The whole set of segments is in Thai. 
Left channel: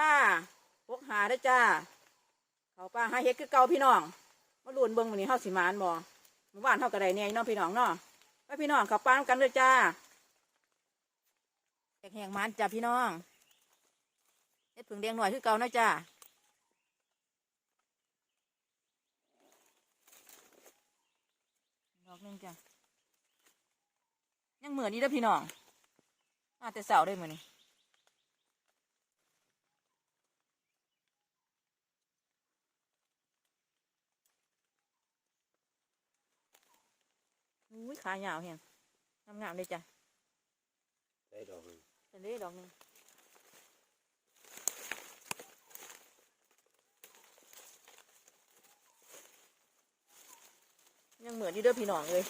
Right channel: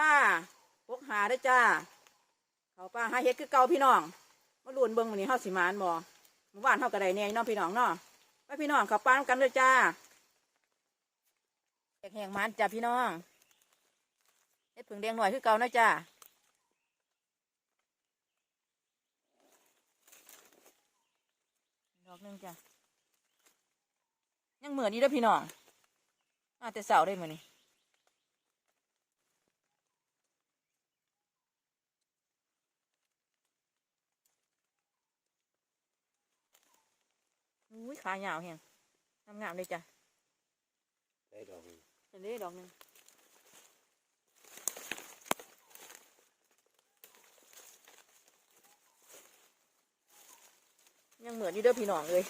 นี้ก็วันที่หกพกหาได้จ้า เขาป้าหาเฮ็ดคือเก่าพี่น้องมาลุนเบิ่งมื้อนี้เฮาสิมานบ่หมู่บ้านเฮาก็ได้แหน่เนาะพี่น้องเนาะไปพี่น้องเขาป้านำกันเลยจ้าแหงมันจ้าพี่น้องเฮ็ดผึ่งแดงหน่อยคือเก่านะจ้าดอกหนึงจ้ะยังเหมือนนี้เด้พี่น้องอาจจะเสาได้เหมือนี้ อุ้ยขายาวแฮงงามๆเลยจ้ะได้ดอกหนึ่งจะได้ดอกหนึ่งยังเหมือนนี่เด้อพี่น้องเลย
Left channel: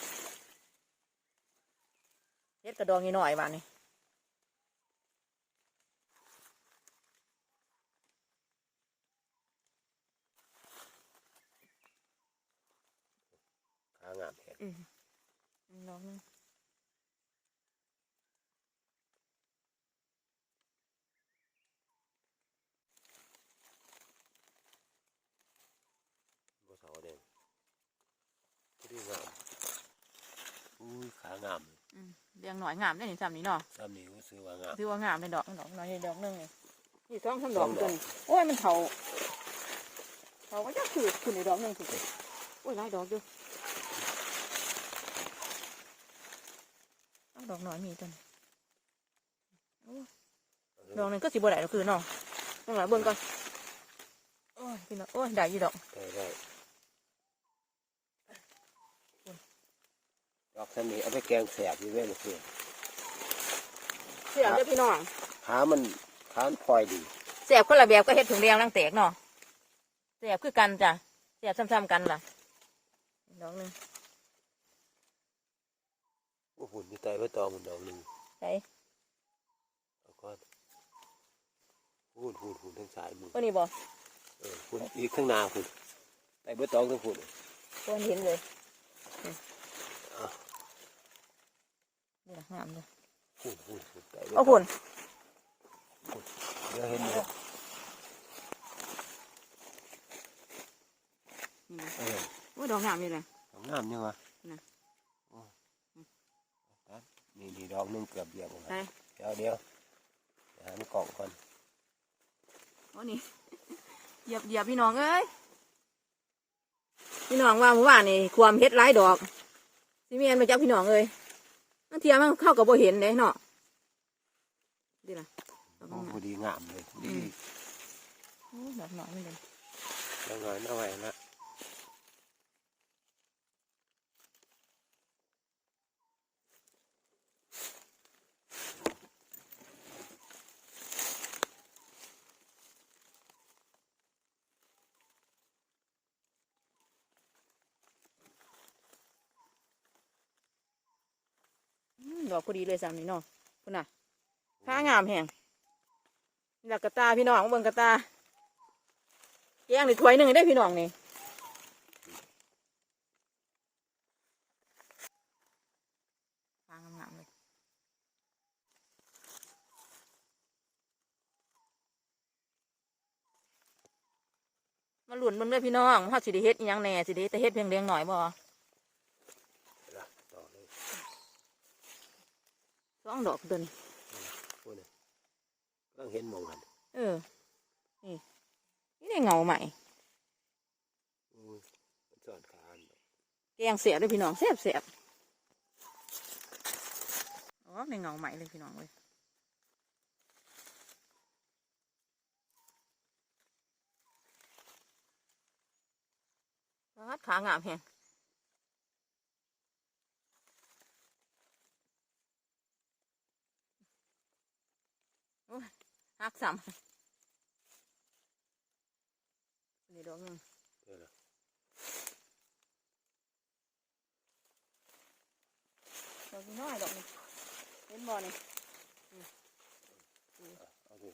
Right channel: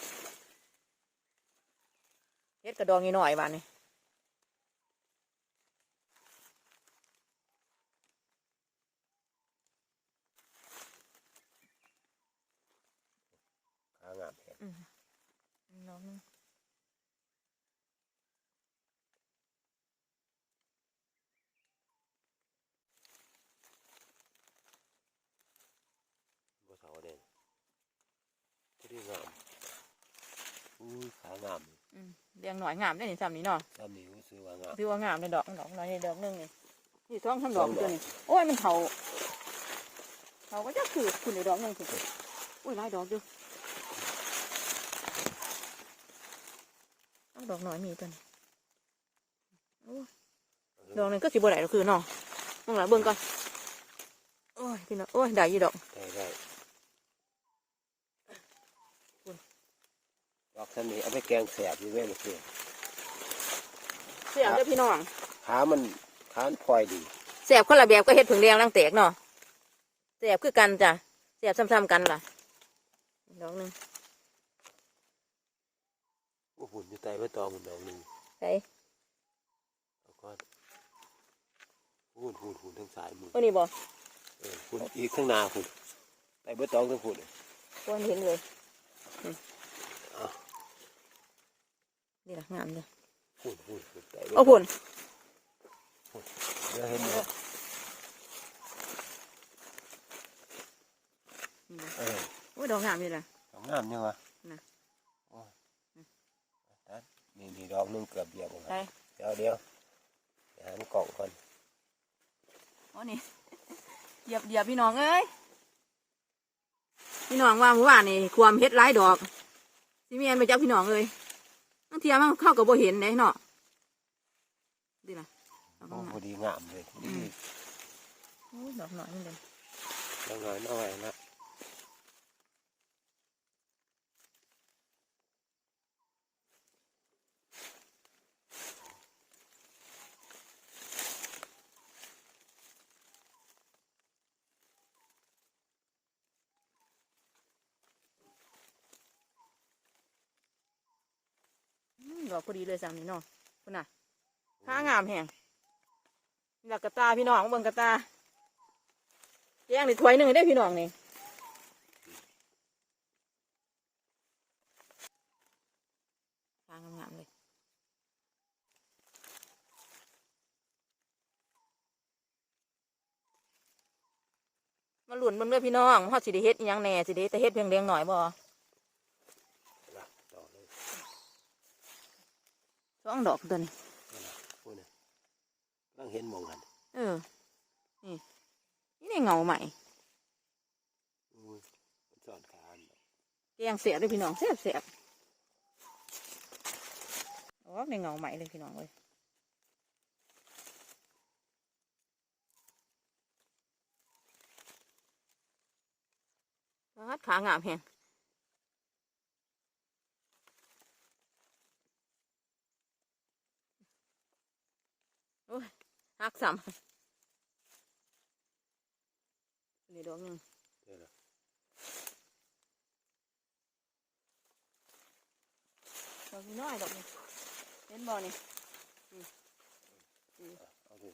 เฮ็ดกระดองนิดหน่อยบานนี่ขางามแท้อื มดอกหนึงบ่เสาเด่นก็ได้งามอุ้ยขางามอืมเรียงหน่อยงามได้เห็นซ้ำนี้เนาะซ้ำนี้ก็ซื้อว่างามถือว่างามเป็นดอกดอกน้อยดอกหนึงนี่นี่ท้องทั้งดสออกงดตัอวกนี้โอ้ยมันเขาเขาก็จะขืดขึ้นอีกดอกหนึงสิโอ้ยหลายดอกอยู่เอา ดอกน้อยมีตัวนี้โอ้ยดอกหนึงก็สิบ่ได้หรอกคือเนาะต้องหลายเบิ่งกันโอ้ยพี่น้องโอ้ยได้ยี่ดอกได้ได้ดอกซ้ำนี้เอาไปแกงแสบอยู่แม่มาเพื่อเสียงได้อพี่น้องขามันขามันพลอยดีเสียบคนละแบบก็เฮ็ดผึ่งแดงลังแตกเนาะเสียบคือกันจ้ะเสียบซ้ำๆกันล่ะดอกหนึง โอ้หุ่นอยู่ใต้ใบตองมันดอกหนึ่งใส่เอาก้อนหุ่นหุ่นหุ่นทั้งสายมือตัวนี้บ่เออหุ่นอีกข้างหน้าหุ่นใต้ใบตองทั้งหุ่นตัวนี้เห็นเลยเอานี่ล่ะงามเลยหุ่นหุ่นหุ่นใต้ใบตเอาองพุ่นเดี๋ยวเห็นอยู่อืมเออโอ้ยดอกงามอยู่นะดอกงามเนี่ยวะน่ะโอ้ยตัด นี่นี่ดอกหนึงเกือบเดียวผมไปเดี๋ยวเดี๋ยวเดี๋ยวหามันกล่องก่อนโอ้นี่เหยียบเหยียบพี่น้องเอ้ยพี่น้องว่าเมื่อวานนี่ความเฮ็ดหลายดอกสิเมียนมาจากพี่น้องเอ้ยบางเทียมันเข้ากับโบเห็นเด้เนาะดีล่ะดอกโอ้งามพอดีงามเลยดีโอ้ยดอกหน่อยมันเลยดอกน้อยน้อยนะ อกพอดีเลยสามนี่เนาะคุณน่ะข้างามแหงนี่ล่ะกระตาพี่น้องเบิ่งกระตาแกงนี่ถ้วยหนึ่งได้พี่น้องนี่ข้างงามเลยมาหลุนเบิ่งเด้อพี่น้องเฮาสิได้เฮ็ดอิหยังแหน่สิได้แต่เฮ็ดเพียงเลี้ยงหน่อยบ่ ละดอกเลย ส องดอกตัวนี้พูดนะกำลังเห็นหมองกันเออ นี่นี่ได้เงาใหม่อุ้ยมันสอนขาอันดอกแกงเสียด้วยพี่น้องเสียบเสียบอ๋อในเงาใหม่เลยพี่น้องเลยวัดขางามเพียงโอ้ย หักซ้ำนี่ดอกหนึงเดี๋ยวละดอกน้อยดอกนี้เห็นบ่นี่อะเอาดิ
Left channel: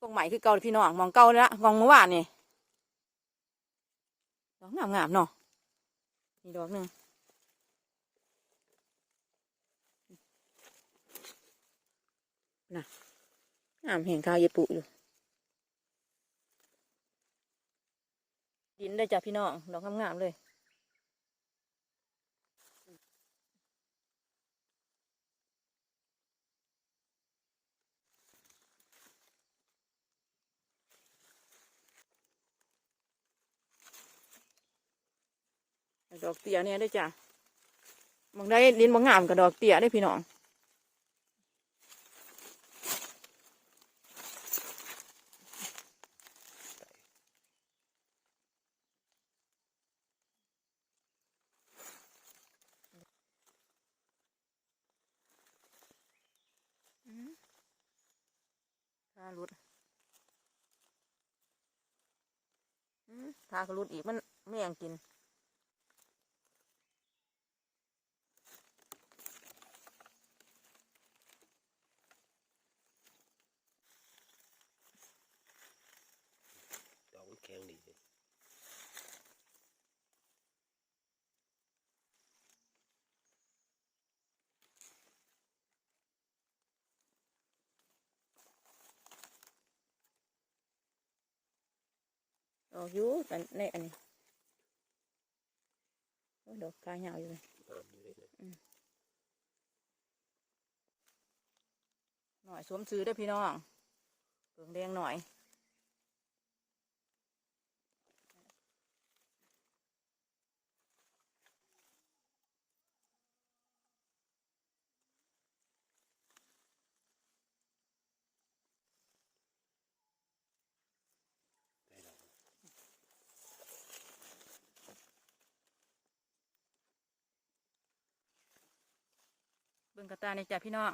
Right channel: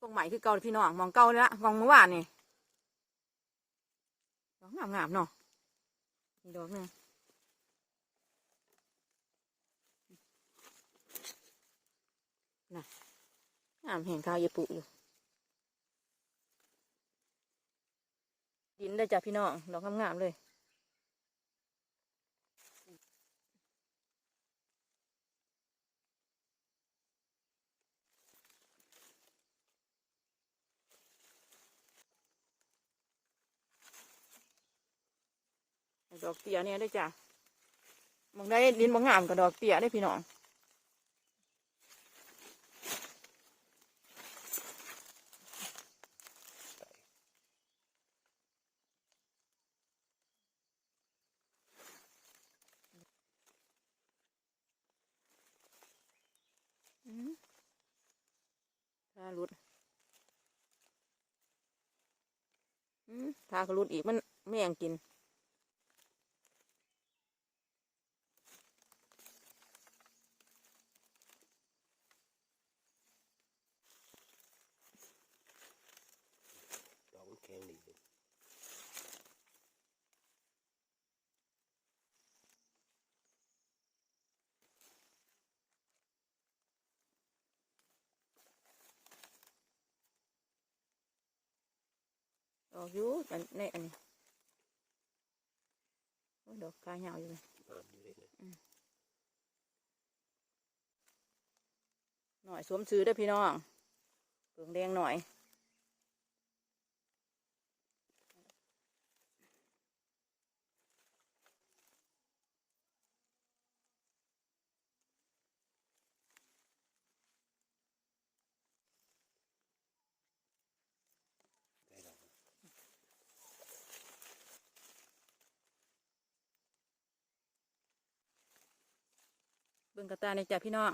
ตรงใหม่คือเก่าพี่น้องมองเก่าแล้วมองเมื่อวานนี่ด งามงามๆเนาะมีดอกหนึ่งน่ะงามแห่งคาวเยปุอยู่ ดินได้จ้ะพี่น้องดอกงามๆเลย ดอกเตี้ยเนี่ยได้จ้ะบางได้ดินบางงามกับดอกเตี้ยได้พี่น้องถ้าหลุดอืมถ้าขลุดอีกมันแม่งกิน ดอกมันแข็งดีเลย ดอกอยู่แต่ในอันนี้โอ้ยดอกกายาวอยู่เลยงามอยู่เลยนะหน่อยสวมซื้อได้อพี่น้องเปลืองแดงหน่อย งกระตาในอยจ้ะพี่น้อง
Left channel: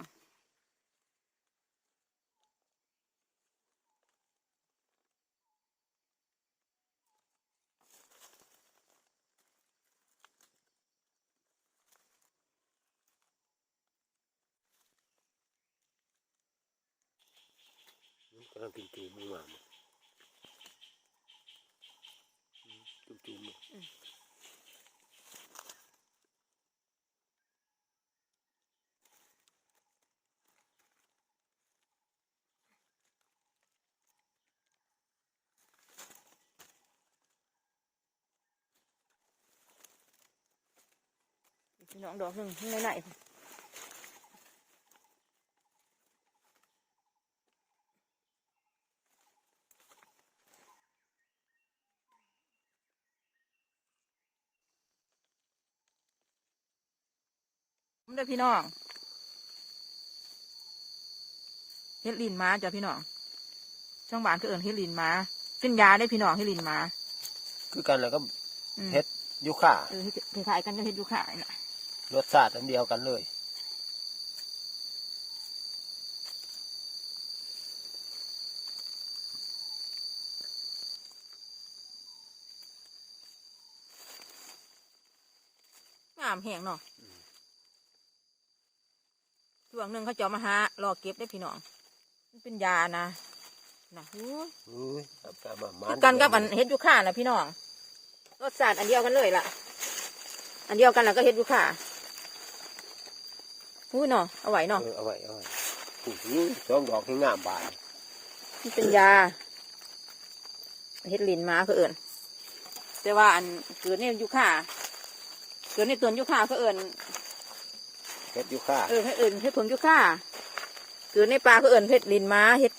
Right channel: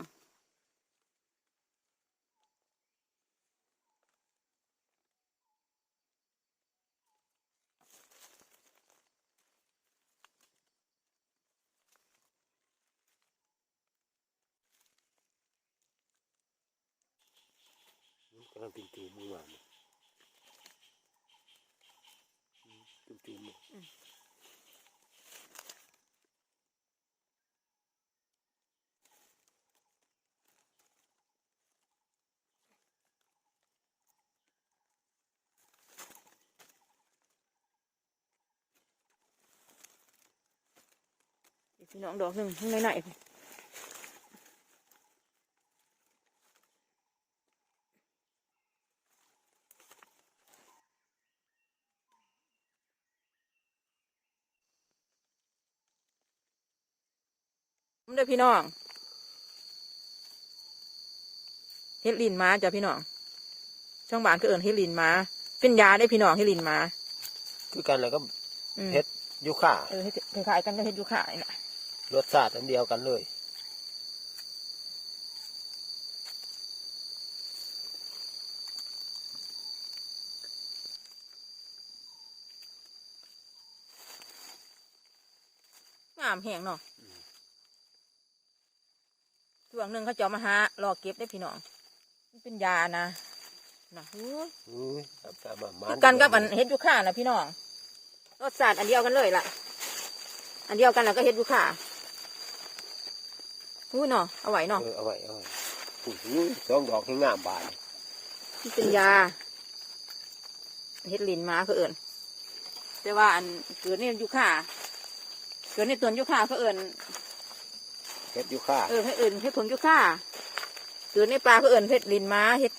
มันกำลังกินจูมงามๆอืมจุ่ม พี่น้องดอกหนึ่งข้างในไหนมันได้อพี่น้องเฮ็ดลินมาจ้ะพี่น้องช่างบ้านก็เอินเฮ็ดลินมาเป็นยาได้อพี่น้องเฮ็ดลินมาคือกันแล้วก็อืมเฮ็ดยูค่าเออเฮ็ดคล้ายๆกันก็เฮ็ดอยู่ขายน่ะ รสชาติอันเดียวกันเลย งามแห้งเนาะช่วงหนึ่งเขาจะเอามาหารอเก็บได้พี่น้อง มันเป็นยานะนะหูยอุ้ยครับครับมามาคือกันกับอันเฮ็ดยูค่านะพี่น้องรสชาติอันเดียวกันเลยล่ะ อันเดียวกันแล้วก็เฮ็ดยูค่า หูยเนาะเอาไว้เนาะเออเอาไว้เอาไว้โอ้โหสองดอกที่งามบานมันเป็นยาเฮ็ดลินมาเพื่อเอิญแต่ว่าอันเกิดในยูค่าเกิดในตัวนยูค่าเพื่อเอิญเฮ็ดยูค่าเออให้เอิญเฮ็ดผลยูค่าเกิดในปลาเพื่อเอิญเฮ็ดลินมาเฮ็ด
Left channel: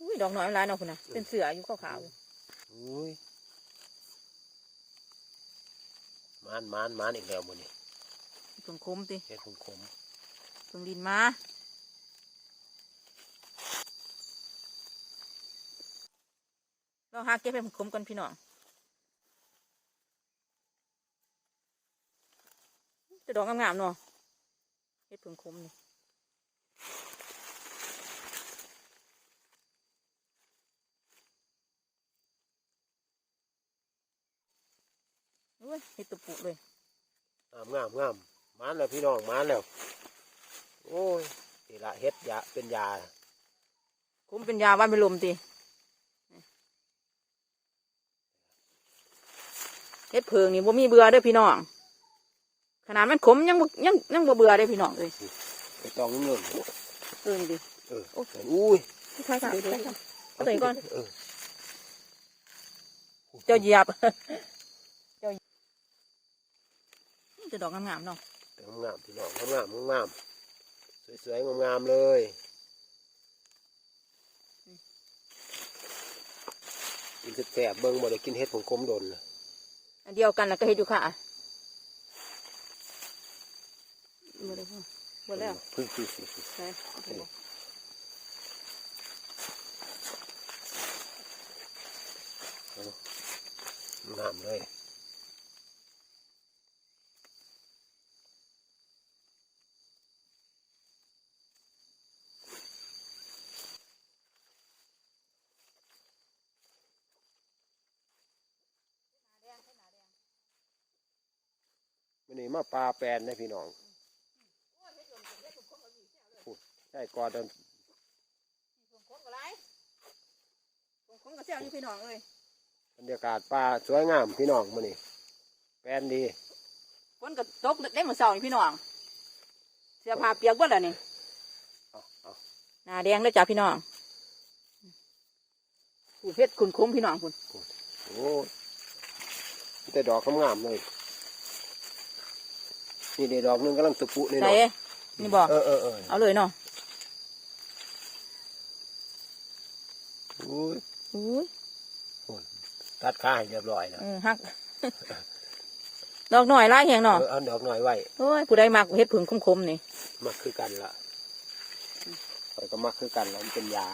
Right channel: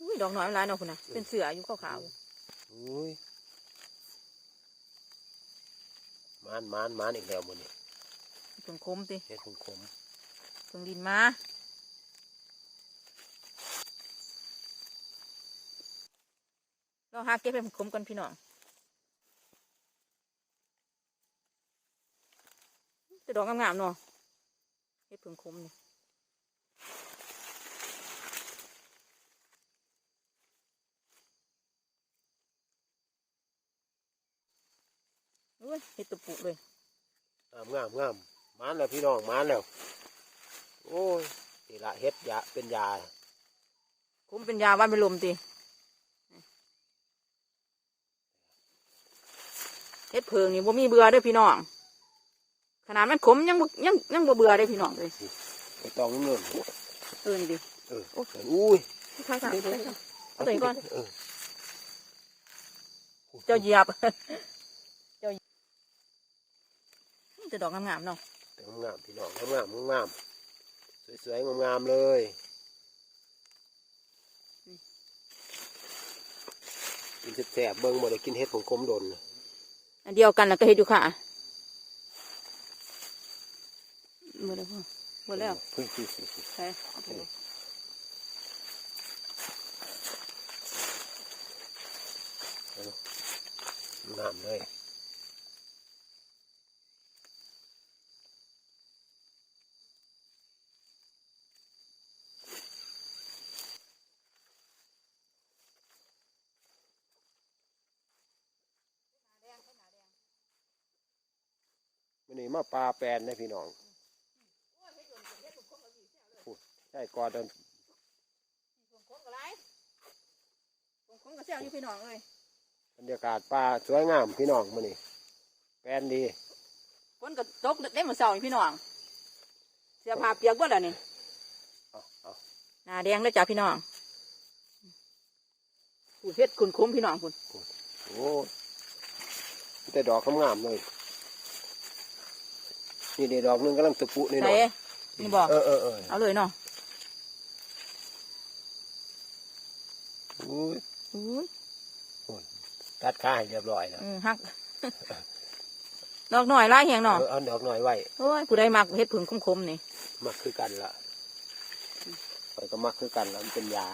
อุ้ยดอกน้อยมันหลายเนาะคุณนะเป็นเสืออยู่ขาวๆอยู่ อุ้ย มานมานมานอีกแล้วมันนี่เพิ่งคมติเฮ็ดคมคมเพิ่งดินมาเราหาเก็บให้มันคมกันพี่น้องแต่ดอกงามๆเนาะเฮ็ดเพิ่งคมนี่ อุ้ยเฮ็ดตัวปุเลยงามงามงามมานแล้วพี่น้องมานแล้ว โอ้ยนี่ละเฮ็ดยาเป็นยาผมเป็นยาวันเป็นลมตีเฮ็ดเพิงนี่บ่มีเบื่อเด้อพี่น้อง ขนาดมันขมยังบ่ยังยังบ่เบื่อเด้อพี่น้องเลยไปตองน้ำเงินเออนี่ดิเอออุ้ยค่อยๆค่อยๆเอาตัวนี้ก่อนเออเจ้าเหยียบ เจ้า จะดอกงามๆเนาะงามๆพี่น้องงามๆงามๆสวยๆงามๆเลยกินแสบๆเบิ่งบ่ได้กินเห็ดผงกลมดนน่ะอันเดียวกันแล้วก็เฮ็ดอยู่ค่ะหมดแล้วหมดแล้วเฮ้ยดูสิใช่เอาไปเลยงามเลย วันนี้มาปลาแปลนนะพี่น้องพูดใช่ก่อนเดินส่งคนก็ไรส่งคนก็เสียอยู่พี่น้องเอ้ยบรรยากาศปลาสวยงามพี่น้องมันนี่แปลนดีคนก็ตกได้มาเศร้าอยู่พี่น้องเสียผ้าเปียกเบิดแล้วนี่เอาเอาหน้าแดงแล้วจ้าพี่น้องคุณเฮ็ดคุณคุ้มพี่น้องคุณโอ้ยแต่ดอกงามๆเลย นี่เดี๋ยวดอกหนึงกำลังตะปุนี่หไหนน่อยนี่บอกเออเออเออเอาเลยเนาะอุ้ยอู้ยตัดขาให้เรียบร้อยแล้วเออฮักดอกหน่อยไล่แหงเนาะเออเอาดอกหน่อยไว้โอ้ยผู้ใดมักเฮ็ดผึ่งคมๆนี่มักคือกันละข่อยก็มักคือกันแล้วมันเป็นยา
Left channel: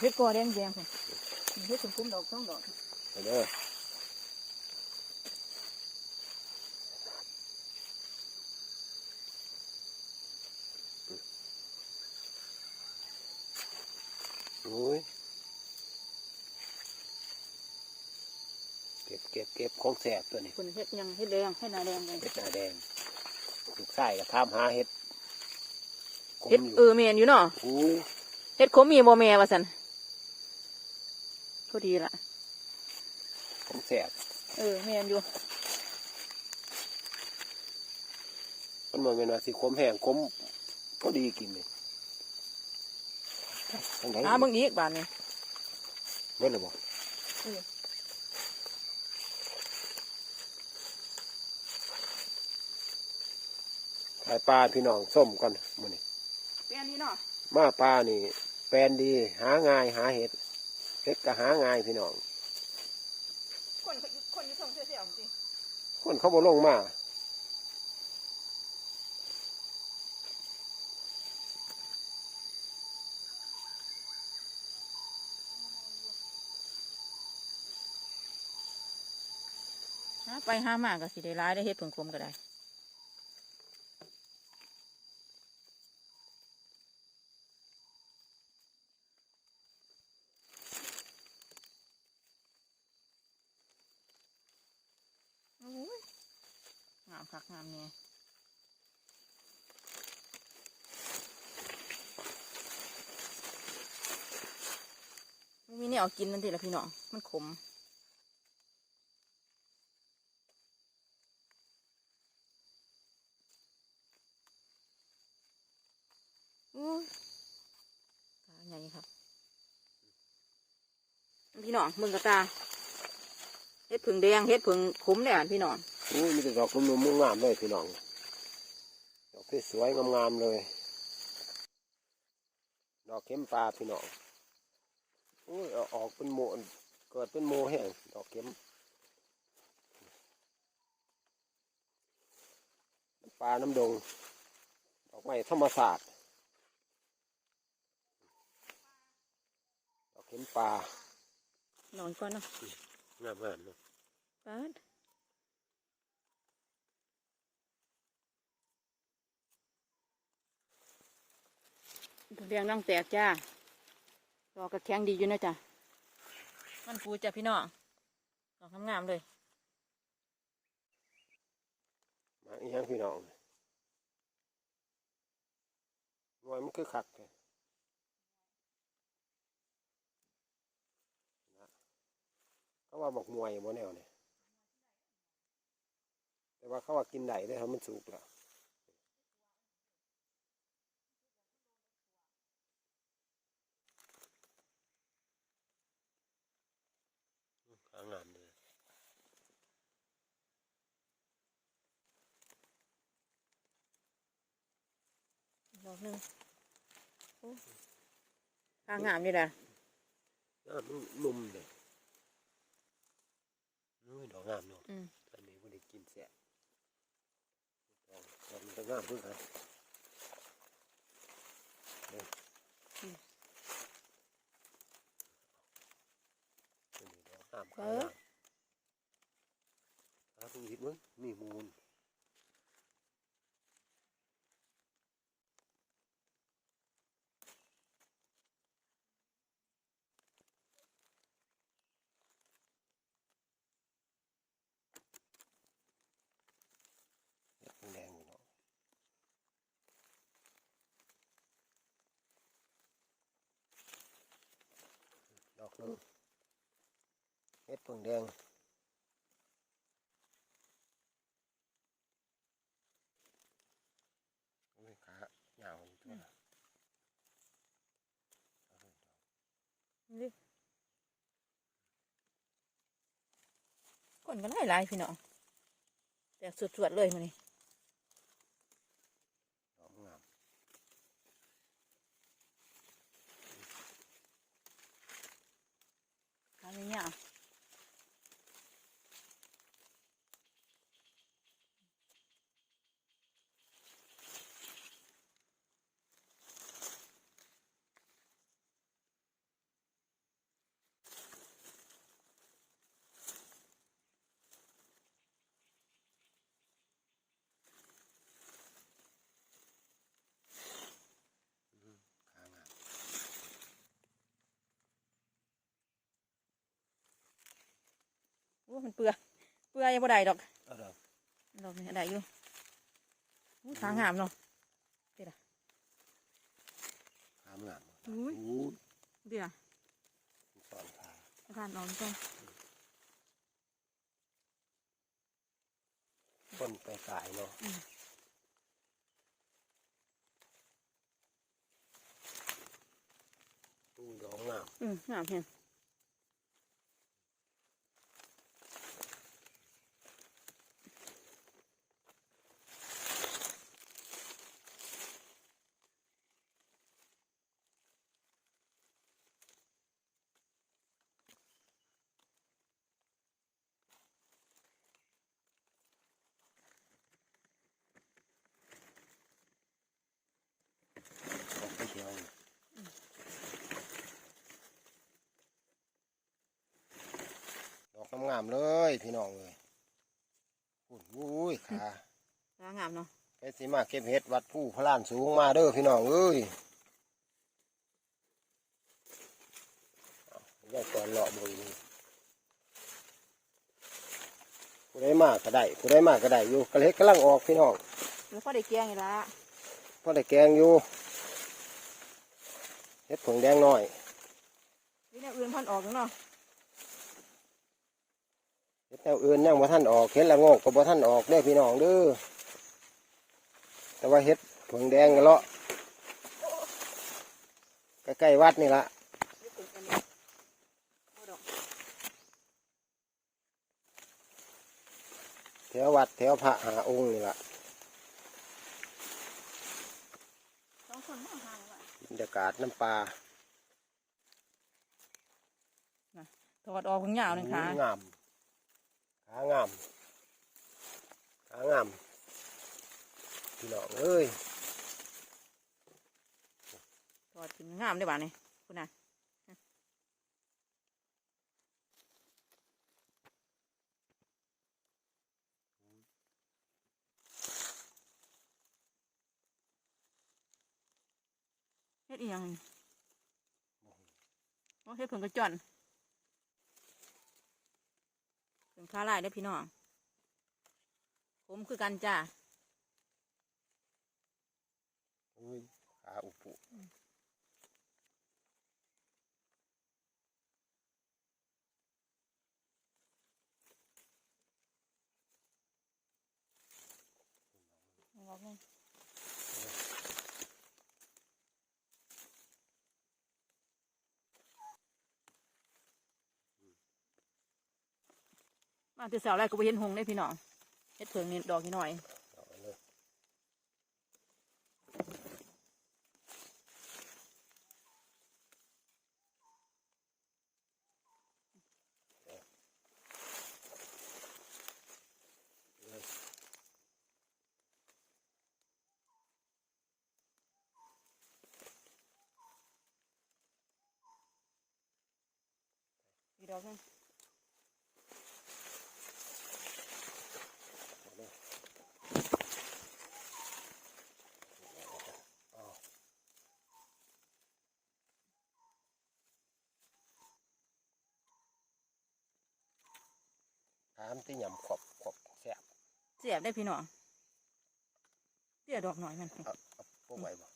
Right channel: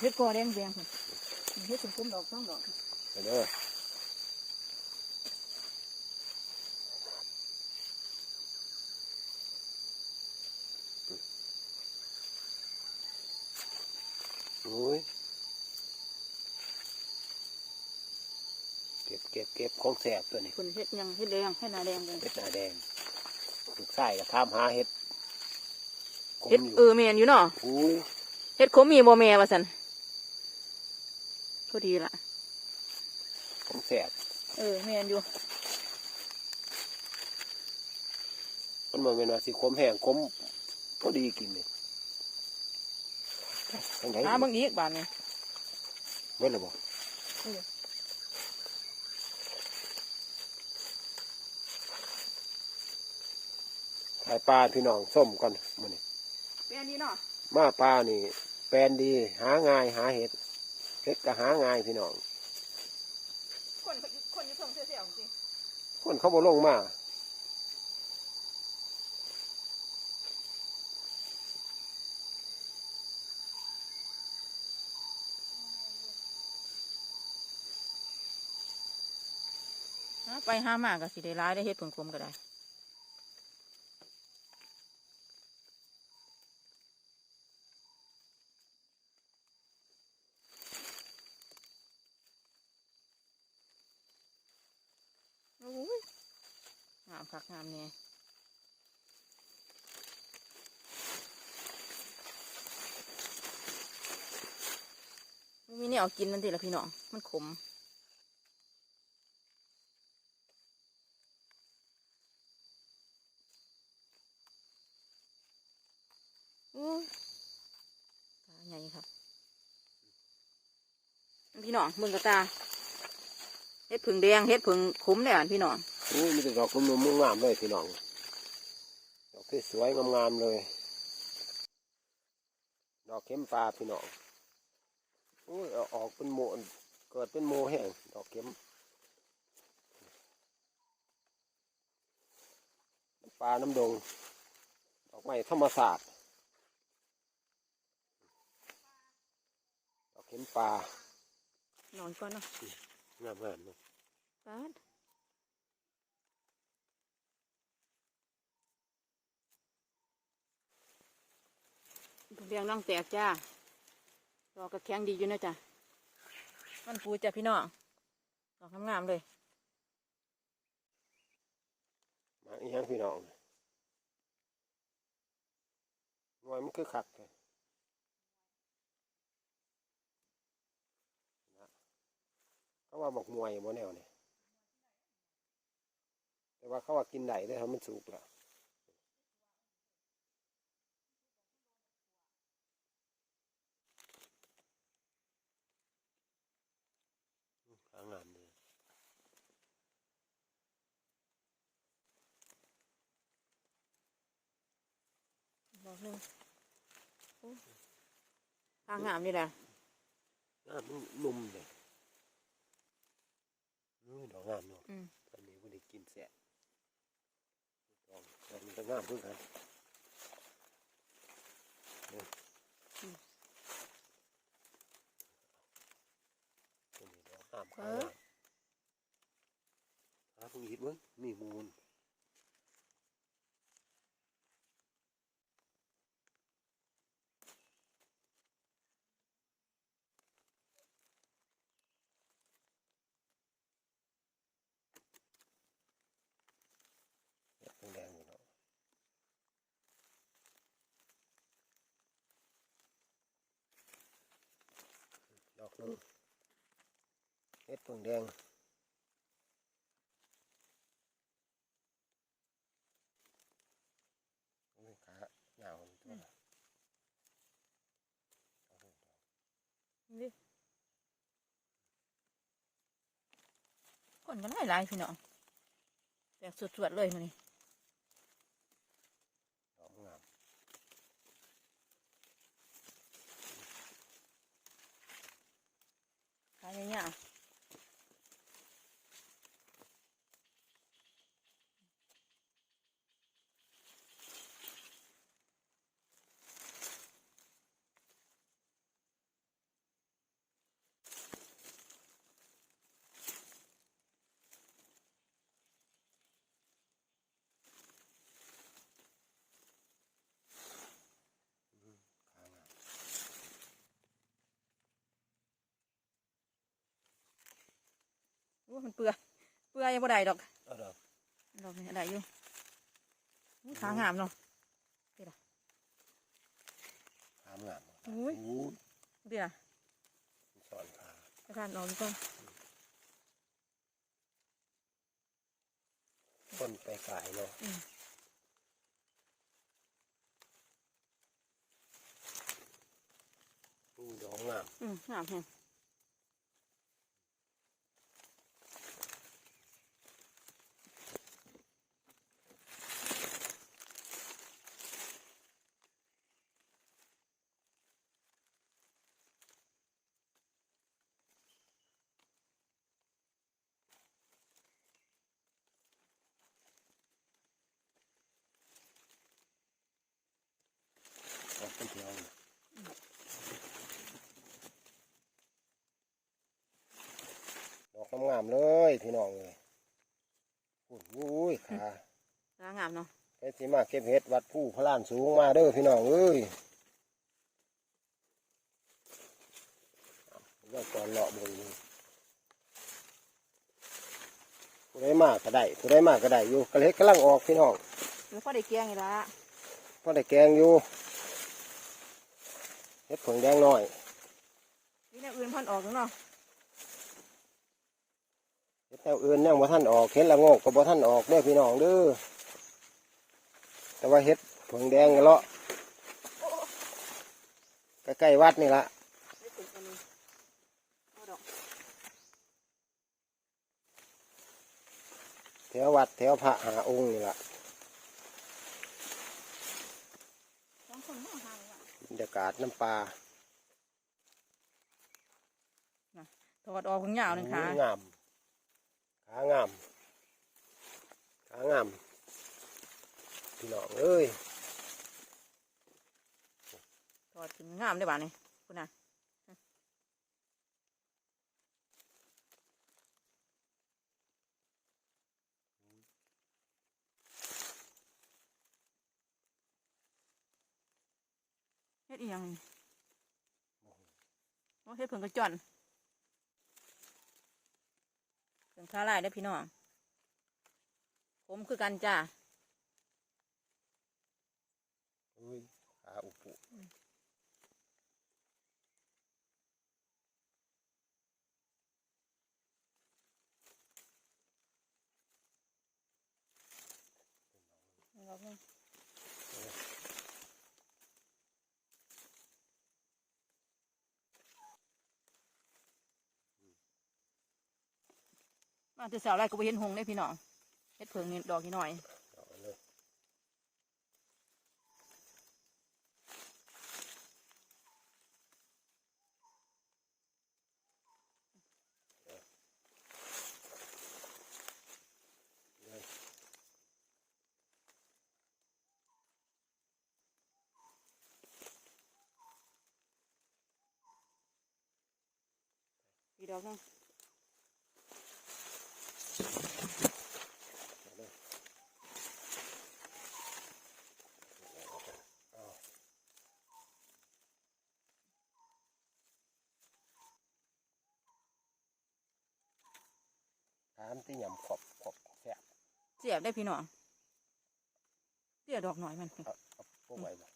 เฮ็ดกอแดงแดงพุ่นเฮ็ดคมๆดอกสองดอก เด้ออุ้ยเก็บเก็บเก็บของแสบตัวนี้คุณเฮ็ดหยังเฮ็ดแดงเฮ็ดหน้าแดงเลยเห็ดหน้าแดงลูกไส้ก็ทำหาเห็ดขมเฮ็ดอยู่เออแม่นอยู่เนาะอุ้ย เฮ็ดขมมีบ่แม่ว่าซั่นพอดีล่ะ ของแสบเออแม่นอยู่มันเหมือนเป็นว่าสิขมแห้งขมพอดีกินเลยยังไงหาเบิ่งอีกบาดนี้เมื่อไรบ่เออขายปลาพี่น้องส้มก่อนมื้อนี้แม่นดีเนาะมาปลานี่ แปลนดี หาง่ายหาเห็ดเห็ดก็หาง่ายพี่น้องคน คนอยู่ทงเสียวๆจริงคนเขาบ่ลงมาหาไปหามาก็สิได้หลายได้เฮ็ดผึ่งคมก็ได้โอ้ยงามคักงามเนี่ยมันมี เนี่ยเอากินนั่นทีละพี่น้อง มันขมอู้ตาใหญ่ครับ พี่น้องมึงกระตาเฮ็ดผึ่งแดงเฮ็ดผึ่งขมเนี่ยพี่น้องอุ้มีแต่ดอกนุ่มๆงามเลยพี่น้อง ดอกสวยงามๆเลย ดอกเข้มปลาพี่น้อง อุ้ยเอาออกเป็นโมเกิดเป็นโมแห้งดอกเข้มปลาน้ำดง ดอกไม้ธรรมศาสตร์ดอกเข้มปลานอนก่อนนะงามๆเนาะปาดผึ่งแดงนั่งแตกจ้า รอกระแข็งดีอยู่นะจ้ะมันปูจ้ะพี่น้องดอกงามๆเลยมาอีกอย่างพี่น้องวยมันคือคักเลยนะเขาว่าบอกมวยบ่แนวเนี่ยแต่ว่าเขาว่ากินได้ได้อถ้ามันสุกแล้วอืมขางามเลย บอกหนึ่งโอ้ทางงามนี่แหละงามมันนุ่มเลยนู้ยดอกงามเนาะอืมอันนี้บ่ได้กินแสะดอกดอกมันก็งามเพื่อกันเนี่ยอันนี้ดอกงามขางามถ้าเพิ่งเห็นเบิ่งมีมูลเห็ดแดงๆอยู่เนาะ ดอกนึงเห็ดเพิ่งแดงโอ้ยขาเหงาอยู่ตัวละเอาเลยดอกนี่คนก็ไล่ไล่พี่น้องแต่สวดๆเลยมันนี่ ดอกงาม ขายง่าย ขางาม ๆโอ้มันเปื่อยเปื่อยบ่ได้ดอกเอาดอกดอกนี่ได้อยู่โอ้ขางามเนาะขามงามอุ้ยโอ้ยเดี๋ยวสอนขาอาจารย์ออมก่อนคนไปขายเนาะอู้ดอกงามอืมงามแฮะดอกเป็นเขียวเลยดอก งามๆเลยพี่น้องเลยอุ้ยอุ้ยขาขางามเนาะไปสิมาเก็บเห็ดวัดผู้พระลานสูงมาเด้อพี่น้องเอ้ยเอาไว้ก่อนเลาะบนนี่ผู้ได้มากก็ได้ผู้ได้มากก็ได้อยู่กระเล็กกำลังออกพี่น้องแล้วก็ได้เกลียงอีกละพอได้แกงอยู่เห็ดผงแดงน้อยนี่แนวอื่นเพันออกอยู่เนาะ เห็ดแนวอื่นยังบ่ท่านออกเห็ดละโงกก็บ่ท่านออกเด้อพี่น้องเด้อแต่ว่าเห็ดผงแดงก็เลาะใกล้ๆวัดนี่ละนี่เป็นอันนี้เอาดอกแถววัดแถวพระหาองค์นี่ละสองคนไม่ห่างละบรรยากาศน้ำปลาถอดออกข้างยาวหนึงค่ะงาม ขางามขางามพี่น้องเอ้ยถอดถึงงามได้บ้านี่คุณน่ะเฮ็ดอีหยังโอ้เฮ็ดผงกระจ่อน ผงคาลายได้อพี่น้องผมคือกันจ้าอุ้ยขาอุปุดอกหนึง มาที่สาวแรกก็ไปเห็นหงได้พี่น้องเฮ็ดเพิงนี่ดอกนี่หน่อยอีดอกนึง เอาเลยเอา ถามที่ยำขอบขอบแซ่บเสียบได้พี่น้องเสียดอกหน่อยมันเอาเอาพวกไว้บ่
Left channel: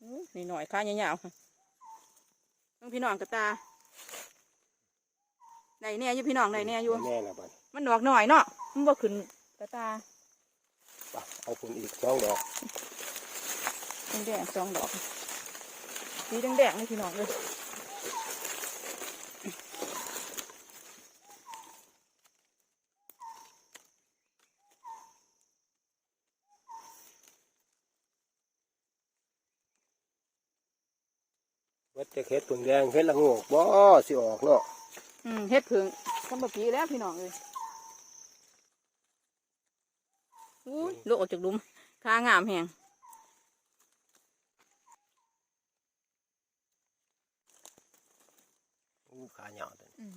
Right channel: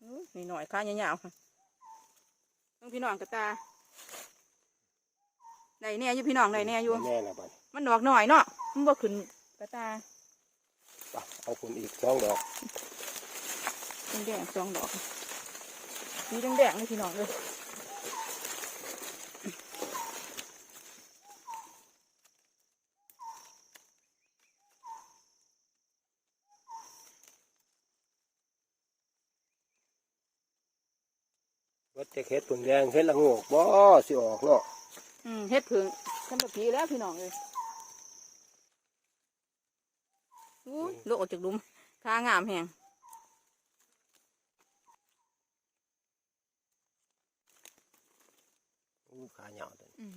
อื้อนี่หน่อยข้ายาวๆมึงพี่น้องกระตาได้แน่อยู่พี่น้องได้แน่อยู่ แน่ละบัดมันดอกหน่อยเนาะมันบ่ขึ้นกระตาไปเอาคุณอีกสองดอกแดงๆสองดอกสีแดงๆนี่พี่น้องเลย จะเฮ็ดผึ่งแดงเฮ็ดละโงกบ่สิออกเนาะอืมเฮ็ดผึ่งสมบัติแล้วพี่น้องเลยอู้ยลูกออกจากหลุมทางามแหงอู้ขาเหยาวตัวนี้อืม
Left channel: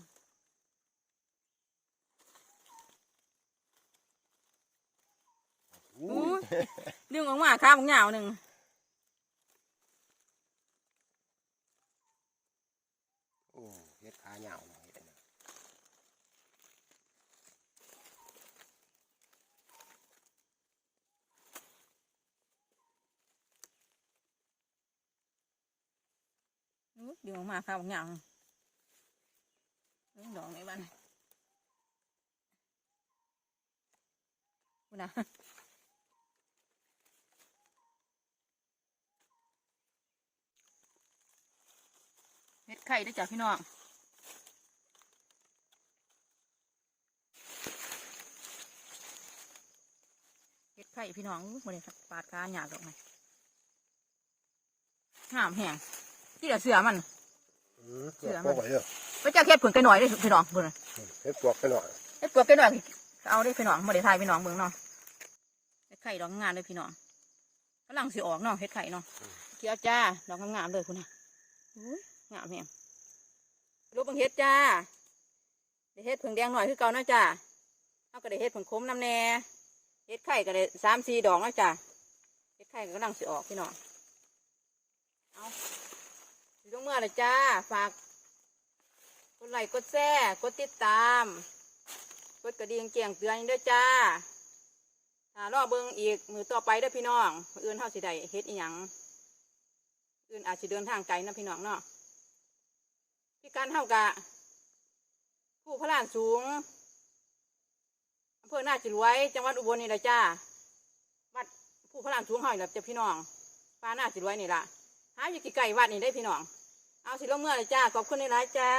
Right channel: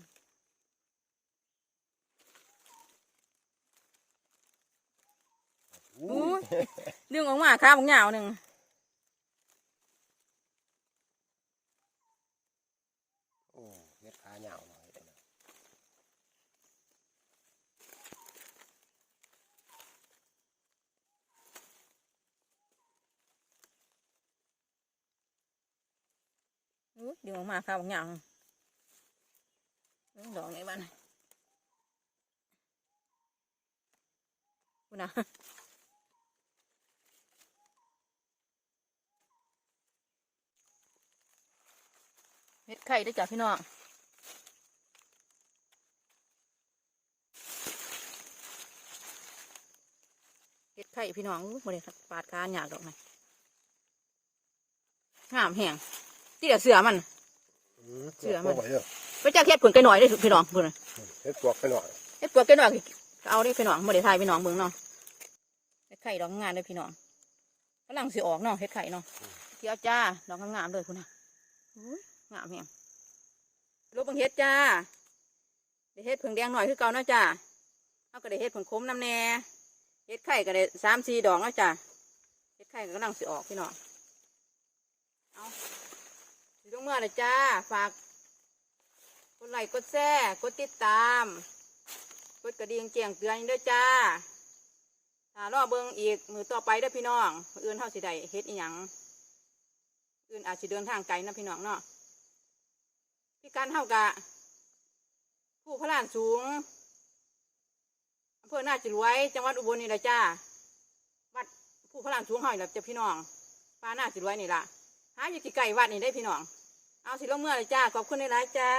อู้อู้ยเรื่องออกมาข้าวบางอย่างหนึ่ง โอ้เฮ็ดขาเหยาวเนาะเฮ็ดอันนั้น อู้ยเรื่องออกมาข้าวบางอย่างเรื่องดอกไหนบ้านคุณนะเฮ็ดไข่ได้จ้ะพี่น้องเฮ็ดไข่พี่น้องบริษัทปาดคานหยาดดอกไหมงามแห้ง ที่เดี๋ยวเสือมันอืมเชื่อพวกไว้เด้อไปจ้าเฮ็ดผึ่งกันหน่อยได้อพี่น้องพุ่นน่ะเฮ็ดปวกไปหน่อยเฮ็ดตัวกันหน่อยเอาได้อพี่น้องบริทายพี่น้องเบิ่งเนาะเฮ็ดไข่ดอกงามเลยพี่น้องกำลังสิออกเนาะเฮ็ดไข่เนาะเกี่ยวจ้าดอกงามๆเลยพุ่นน่ะอุ้ยงามแห้งรูปเบิ่งเฮ็ดจ้าเดี๋ยวเฮ็ดผึ่งแดงหน่อยคือเก่าเนาะจ้าเอาก็ได้เฮ็ดผึ่งคมน้ำแน่เฮ็ดไข่ก็ได้สามสี่ดอกเนาะจ้าเฮ็ดไข่ก็กำลังสิออกพี่น้องเอาสิ ลงเมื่อเลยจ้า ฝากกดไลค์กดแชร์กดติดตาม กดกระดิ่งแจ้งเตือนด้วยจ้าถ้ารอเบิ่งอีกมือต่อไปด้อพี่น้องอื่นเฮาสิได้เฮ็ดอีหยังอื่นอาจสิเดินทางไกลนะพี่น้องเนาะพี่การเฮากะ ผู้พระลานสูงอำเภอนาจิรวย จังหวัดอุบลนี่แหละจ้า วัดผู้พระลานสูงเฮานี่แหละจ้ะพี่น้องป้านาจิรวยนี่ล่ะหาอยู่ที่ไกลวัดนี่ได้พี่น้อง เอาสิลงเมื่อเลยจ้าขอบคุณในร้ายๆจ้า